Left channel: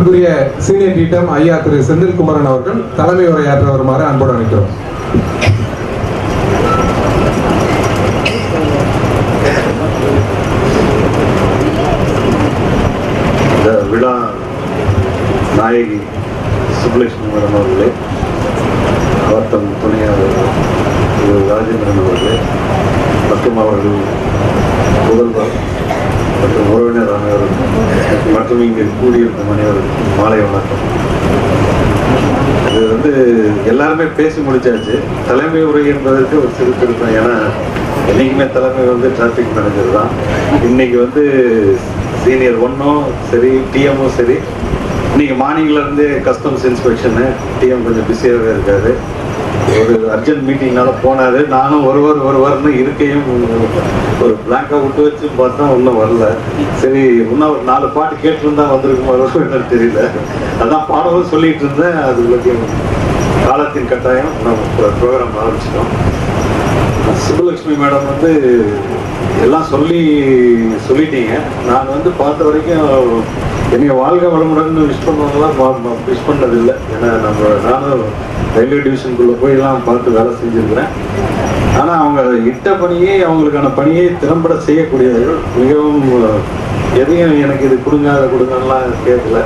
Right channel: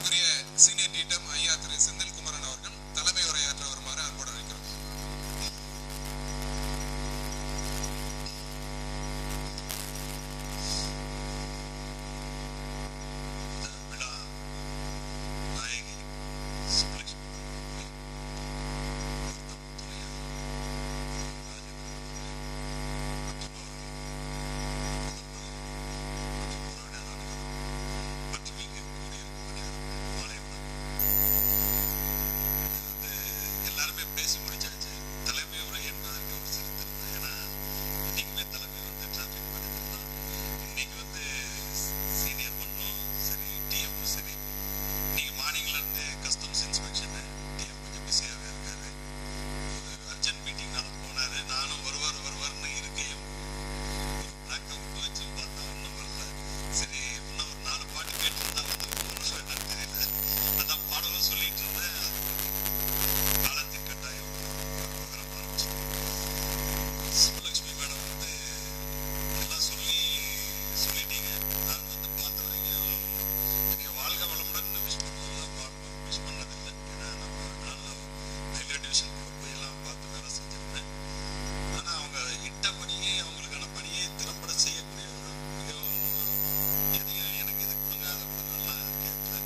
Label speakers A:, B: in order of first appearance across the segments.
A: மதிப்புக்குரிய சீனியர் டீட்டம் ஐயா திரு செந்தில்குமரன் அவர்கள் தலைமை உரையாற்ற வருமாறு அன்போடு அழைக்கிறோம்
B: விழா நாயகி சுப்புலட்சுமி அவர்களே அவர் தம் துணையாளர் திரு ராஜேந்திரன் அவர்களே மற்றும் அவர்கள் முதல்வர் மற்றும் உறவினர் மற்றும் இங்கு கூடியிருக்கும் அனைவருக்கும் மாலை வணக்கம். இது வந்து எல்லாருமே பேசி முடிச்சாச்சு. தலைமை உரை என்பதற்கு ஒரு சிறு திருப்பம். ஏன்னா என்னைக்குமே தலைமை வந்து டிராஃபிக் மேனேஜர் தான். இன்னைக்கு வந்து சீனியர் ஒன்றும் சரி டிஎம்மும் சரி. இன்னைக்கு மார்னிங்லேருந்து கஸ்டம்ஸ் இன்ஸ்பெக்ஷனு டிஎம் கொஞ்சம் பிஸியாகவே இருக்காரு. ஒரு அர்ஜென்ட் மீட்டிங்னால போனாரு. நானும் ஒருவர் ஒருவர்னு இருக்கையும் ஒரு பிளாங்கா விட்டு வச்சு பார்த்தா ஒன்றும் வரல. சரி இன்னும் ஒரு நாலு பாட்டு கேட்டுருந்தா வந்திருக்குமோ என்னன்னு தெரியல. அதான் பாடவும் சொல்லிட்டு இருந்தேன். அது பற்றியும் காலத்தின் கட்டாயம் நம்ம ப்ரோக்ராம் ஆரம்பிச்சிட்டோம். சுப்புலட்சுமி மேடம் வந்து எல்லாம் சொல்லி சொல்லிட்டீங்க. நான் வந்து பார்த்த வரைக்கும் என்னை வாழ்க வளமுடன் விஷ் பண்ணுவாங்களாம் விஷ் பண்ணதில்லை. ஏன்னா நம்ம நானும் ரயில்வே டிவிஷனுக்குள்ளே போயெல்லாம் பார்த்து வேலை செஞ்சுருக்கிறேன். ஆனால் அவங்க இட்ட பணியே அவங்களுக்கான பணியை திறம்பட செய்யக்கூடியவர்கள். மிகவும் எதையும் எனக்கு இது கொடுங்க அதை கொடுங்கலாம் கேட்கல.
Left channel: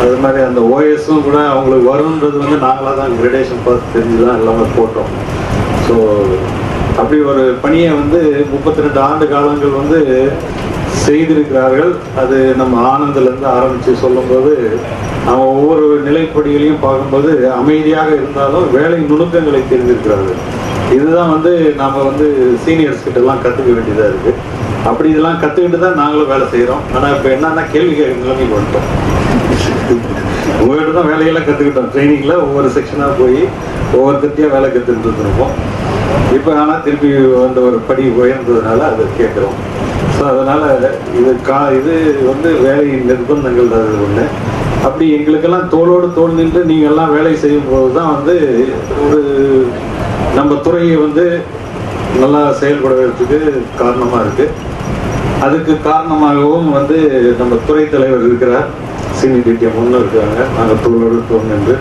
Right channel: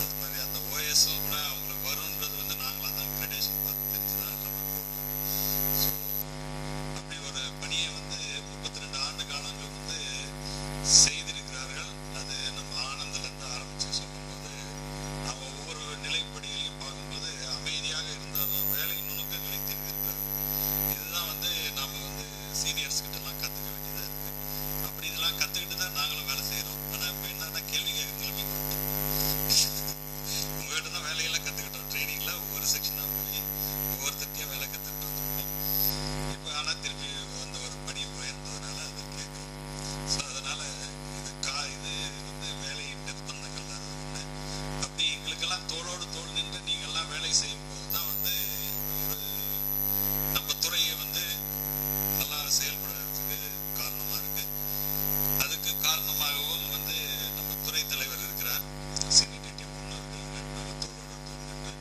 B: அது மாதிரி அந்த ஓஎஸும் கூட அவங்களுக்கு வரும்ன்றது வந்து நாங்களாக தான் கிரேடேஷன் பார்த்து தெரிஞ்சு தான் எல்லாமே போட்டோம். ஸோ அப்படி ஒரு பணியை வந்து முப்பத்தி ரெண்டு ஆண்டு காலங்கள் வந்து செய்திருக்கிறார்கள். அது நம்ம ஆனந்திலேருந்து ஆரம்பித்து சொல்லும்போது நம்ம ஒவ்வொரு நிலைப்படிகளையும் பார்க்கும்போது அமைதியாக இருந்தாலும் வேலை நுணுக்கங்களை தெரிஞ்சிருக்கிறார்கள் இதுதான் வந்து நாம் வந்து சீனியர்ஸ் கிட்டலாம் கற்றுக்க வேண்டியதாக இருக்குது அப்படி இதெல்லாம் கற்றுக்கிட்டு தான் நாங்களும் வேலை செய்கிறோம் ஆனால் இப்போ என்னென்னா கேள்வி கேட்க பண்ணிட்டோம் உங்கள்கிட்ட தான் வேலையெல்லாம் கற்றுக்கிட்டோம் ட்ரைனிங்கில் ஒவ்வொரு செக்ஷனாக போய் ஒவ்வொருத்தையும் வேலை கற்றுக்கிட்டு இருந்திருப்போம். இப்போ ஆனால் திருப்பி வந்த ஒரு படி உயர்ந்ததுனால அதை கேட்குறோம். ஸோ அதனால் இது கா இது வந்து வேலையின் நிர்பந்தங்கள் அது ஒன்று அப்படி எங்களுக்கெல்லாம் தோளோடு தோல் நின்று நீங்கள் எல்லாம் வேலை செய்யும் போது தான் வந்து ஒரு நம்ம துறையை வந்து நல்லா செயல்படுவதற்கு காரணமாக இருக்குது அதுக்கு காரணமாகவும் வந்து நம்ம துறை தலைவர் இருக்கிறார். சீனியர் ஒன்று இருக்காங்க நாங்கள் தோளோடு தோல் நின்று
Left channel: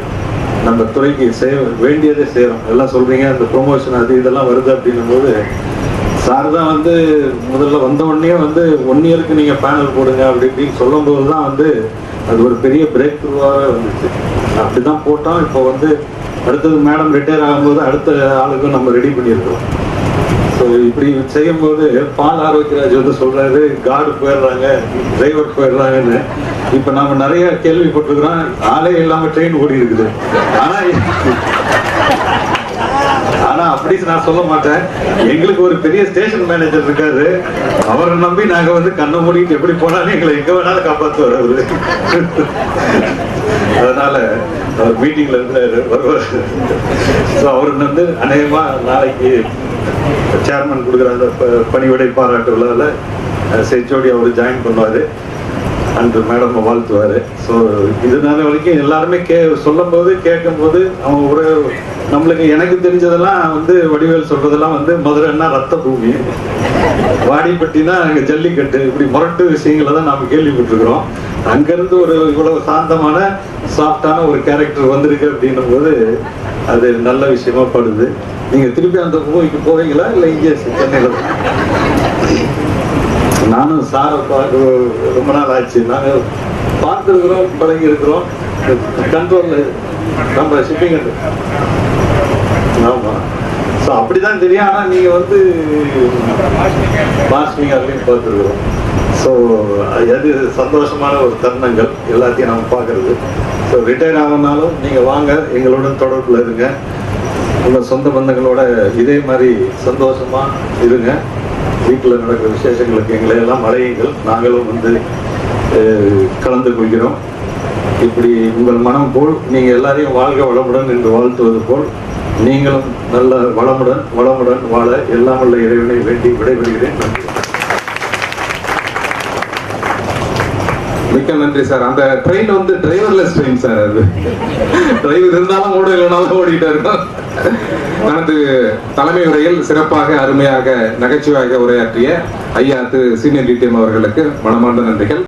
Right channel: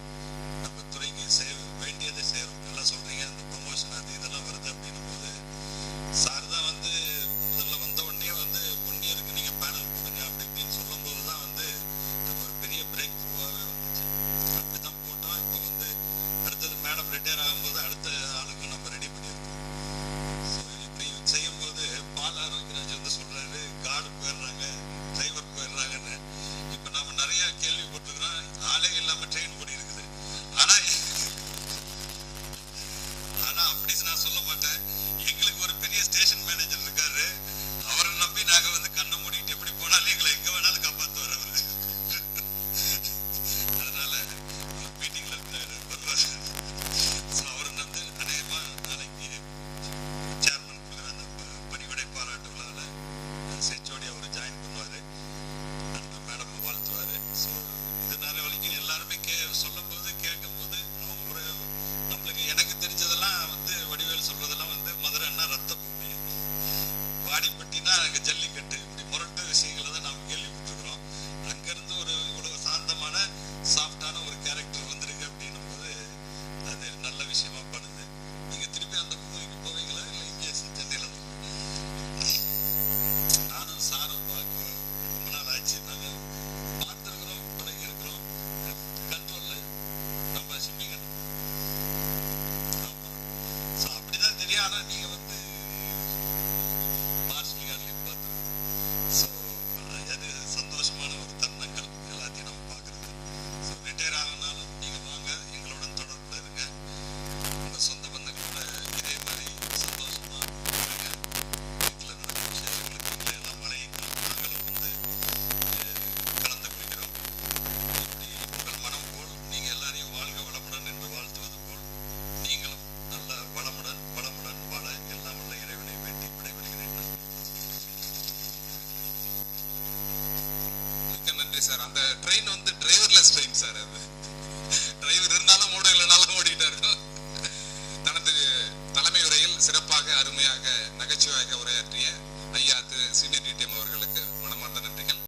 B: நம்ம துறைக்கு செய்ய வேண்டியதே செய்கிறோம் எல்லாம் சொல்கிறீங்க அந்த ப்ரொமோஷன் அது இதெல்லாம் வருது அப்படின்னும் போது சார் தான் வந்து முதல்ல வந்த உடனே வந்து ஒன் இயருக்கு நீங்கள் பேனல் போடுங்க அப்படி இப்படின்னு சொல்லும்போது தான் வந்து அது ஒரு பெரிய பிரேக் த்ரூவாகவே வந்துச்சு. அப்படி தான் போட்டோம். இப்போ வந்து அடுத்தது மேடம் ரிட்டையர் ஆகும்போது அடுத்த ஆளுக்கும் நம்ம ரெடி பண்ணியிருக்கிறோம். ஸோ இப்படி செய்யும்போது பால் ஆரோக்கியராஜ் வந்து சொல்றாரு கார்டு போயிடுறாங்க டிரைவர் போயிடுறாங்கன்னு. இப்போ நம்ம நிறைய கேள்விப்பட்டிருக்கிறோம். ஆளே இல்லாம ட்ரெயின் ஓடி இருக்குது. ஆனா ஆனா அப்படி நான் சொல்ல மாட்டேன். எங்களுக்கு ஒரு பெரிய ஸ்டேஷன் மேனேஜர் இருக்காரு. அவரை நம்பி நாங்க வந்து கண்ணை மூடிட்டு எப்படி போனாலும் எங்களை எங்க வேணாலும் காப்பாற்றுவார் அவரு அதனால அவர் மீட்டிங்ல இருந்து வருவார் ஸோ அவர் வந்து அநேகமா நாளைக்கு சேர்மன் கொடுக்குற அந்த ப- பணிவிடை பாராட்டு விழாவில் செச்சோடி அவர் ஜாயின் பண்ணுவார். அன்று மேடம் வாழ்த்துவார். ஸோ இதனால வரைக்கும் எல்லாருமே கே சொல்லும்போது கேட்கும்போது அவங்க ஒரு நம்மளுக்கு எனக்கு தெரிஞ்சதெல்லாம் வந்து வடிவேல் சொல்றதெல்லாம் வந்து மதுரைன்னா ரத்த பூமி. வாடிப்பட்டினா அங்கே ஜல்லிக்கட்டு இப்படி முரட்டு விஷயங்களை தான் நாம் கேள்விப்பட்டிருக்கிறோம். அங்கேருந்து ஒரு இவ்வளவு சாந்தமான சாஃப்டான ஒரு கேரக்டர் வந்திருக்கு அப்படின்னும் போது அது நல்ல விஷயமா படுது. நீங்க திருப்பி அந்த கோவைக்கு போவீங்களா இல்லை இங்கே சென்னையில் நானும் சாரை பார்க்க ரொம்ப நாள் ஆச்சு. நாங்கள் பார்த்துருக்குறோம் பழகி இருக்கிறோம். கண்ட்ரோல் நம்ம ஷிப்பிங் ஆமாம் ஸோ அப்படிதான் தெரியும். ஆனால் நீங்கள் வந்து மாஸ்டிங் அப்படின்னு பார்த்துருக்குறோம். ஸோ அது சந்தோஷமான ஒரு தருணங்கள். எல்லாத்தையும் நம்ம பார்க்குறது. ஸோ ரிட்டையர் ஆகணும்னாலும் நீங்கள் வாங்க. எங்களுடன் தொடர்பில் இருங்க. உங்கள் சொந்த பந்தங்களோட இதே மாதிரி சந்தோஷமாக இருங்க. வீட்டில் நடக்கிற விசேஷங்களுக்கு எங்களை எல்லாம் அழையுங்கள். நாங்களும் வந்து கலந்து கொள்கிறோம். இப்படி உங்கள் மனம் போல் நீங்கள் எல்லாரையும் வாழ்க வளமுடன் என்று வாழ்த்துவது போல் நீங்களும் நல்ல வளமுடன் வளமுடன் வாழ எல்லாம் உள்ள இறைவனை வேண்டி விடைபெறுகிறேன். நன்றி.
A: மிக்க நன்றி சார். அந்த ட்ரெயின் வந்து டிரைவர்லெஸ் ட்ரெயின் சார் அது. டிரைவர் இருந்தாலும் ஓட இல்லைனாலும் ஓடிக்கிட்டே இருக்கோம். தனது தலைமை உரையில் சிறப்பாக அருமையாக நகைச்சுவையாக உரையாற்றிய ஐயா திரு சீனியர் டிடிஎம் அவர்களுக்கு மனமார்ந்த நன்றிகள்.